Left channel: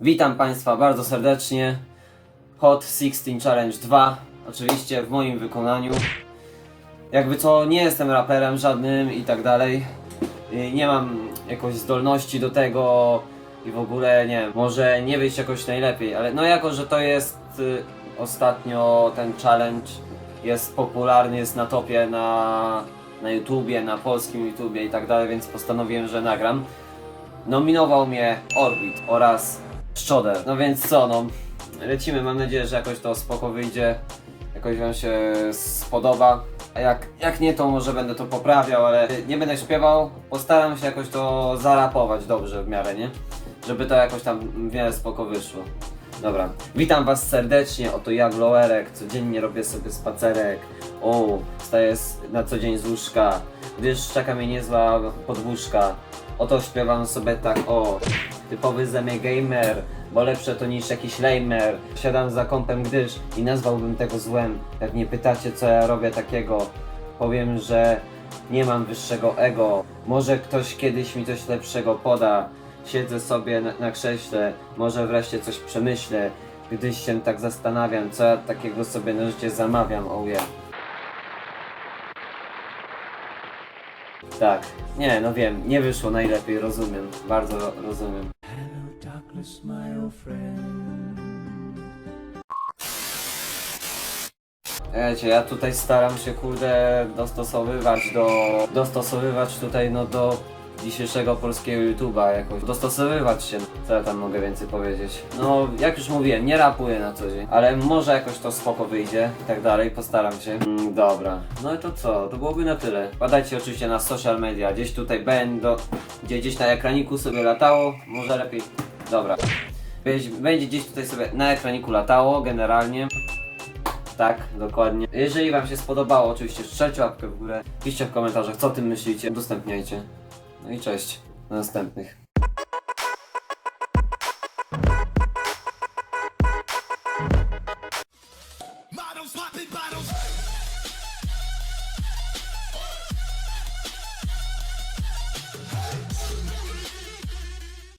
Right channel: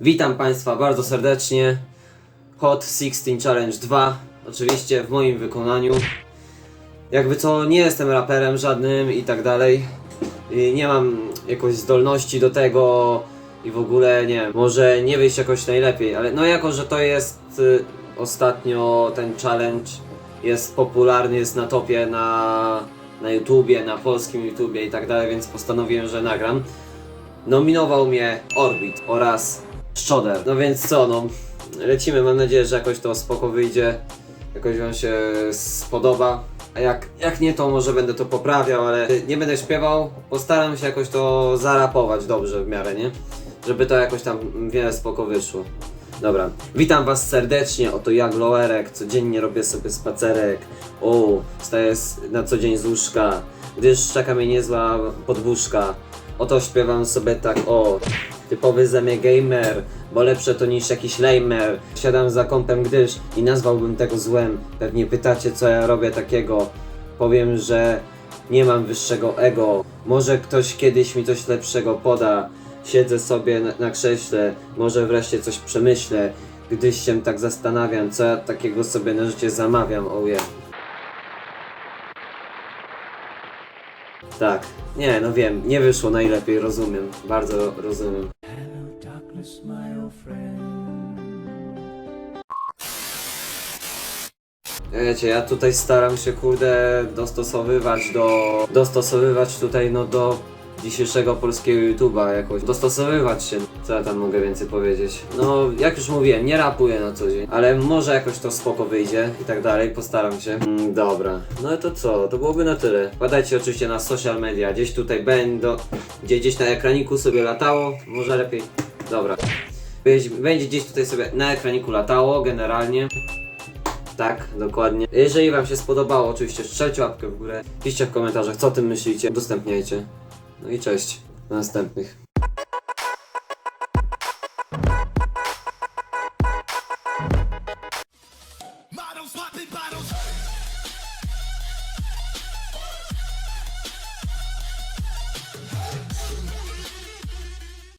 Witam Państwa bardzo serdecznie. Hot 16 Challenge 2, oczywiście w moim wykonaniu. Jakby co, nie jestem raperem żadnym i tak dalej. I nie mam jakoś zdolności do tego i w ogóle nie wiem, może nie wyjść jakoś najlepiej, ale no jako, że to jest y, ostatnio ten challenge jest popularny, jest na topie na, na YouTubie, na polskim YouTubie i tak dalej, więc postanowiłem, że nagram. Nominował mnie Orbit oraz Szczoder. No więc co, no lecimy. Mam nadzieję, że jakoś to spoko wyjdzie. Jakoś Wam się spodoba. A jak, jak nie, to może będę to poprawiał, ale nie będę śpiewał. Postaram się jakoś to zarapować dobrze w miarę, nie? Żeby to jakoś tam w miarę spoko wyszło. Dobra, witam Was serdecznie, oto ja Glowerek, codziennie robię sobie spacerek, o, wstaję na co dzień z łóżka, gdyż czeka mnie niezła podwózka, oto śpiewam sobie tak, o, typowy ze mnie gamer, bo lepsze to niż jakiś lamer, siadam za kąpem, gdyż i nazwałbym tego złem, pewnie pytacie co ja robię takiego, powiem, że nie mam wyższego ego, może ktoś kiedyś mi coś lepszego poda, Siedzę sobie na, na krześle, może wreszcie coś przemyślę, gdyś się tak zastanawiam, co ja takiego sobie na życie zamawiam, yeah. Tak, nie, no wiem, nie wyszło najlepiej, rozumiem, bardzo rozumiem. Darkness, my old friend. Wiecie, ja tutaj staram się, kurde, dostosowywać do... dostosowywać tutaj, no do dzisiejszego polskiego YouTube'a jakoś. Dostosowywać się. Co ja tam mogę więcej powiedzieć? No, jak już mówiłem, nie rapuję na co dzień, ale może jakoś to spoko wyjdzie i tak dalej, postaram się. Mm, dobra. No i to co? To byłoby na tyle. Badajcie oczywiście na social media, gdzieś tutaj będą, gdzie gdzieś na ekraniku sobie latało, może lepiej. Dobra. Będzie- gdzieś tutaj sobie na ekraniku latało, generalnie. Tak, dokładnie. Jeżeli Wam się spodobało, oczywiście strzelcie łapkę w górę, piszcie w komentarzach, co o tym myślicie, udostępniajcie. No i cześć, do następnych. Models popping by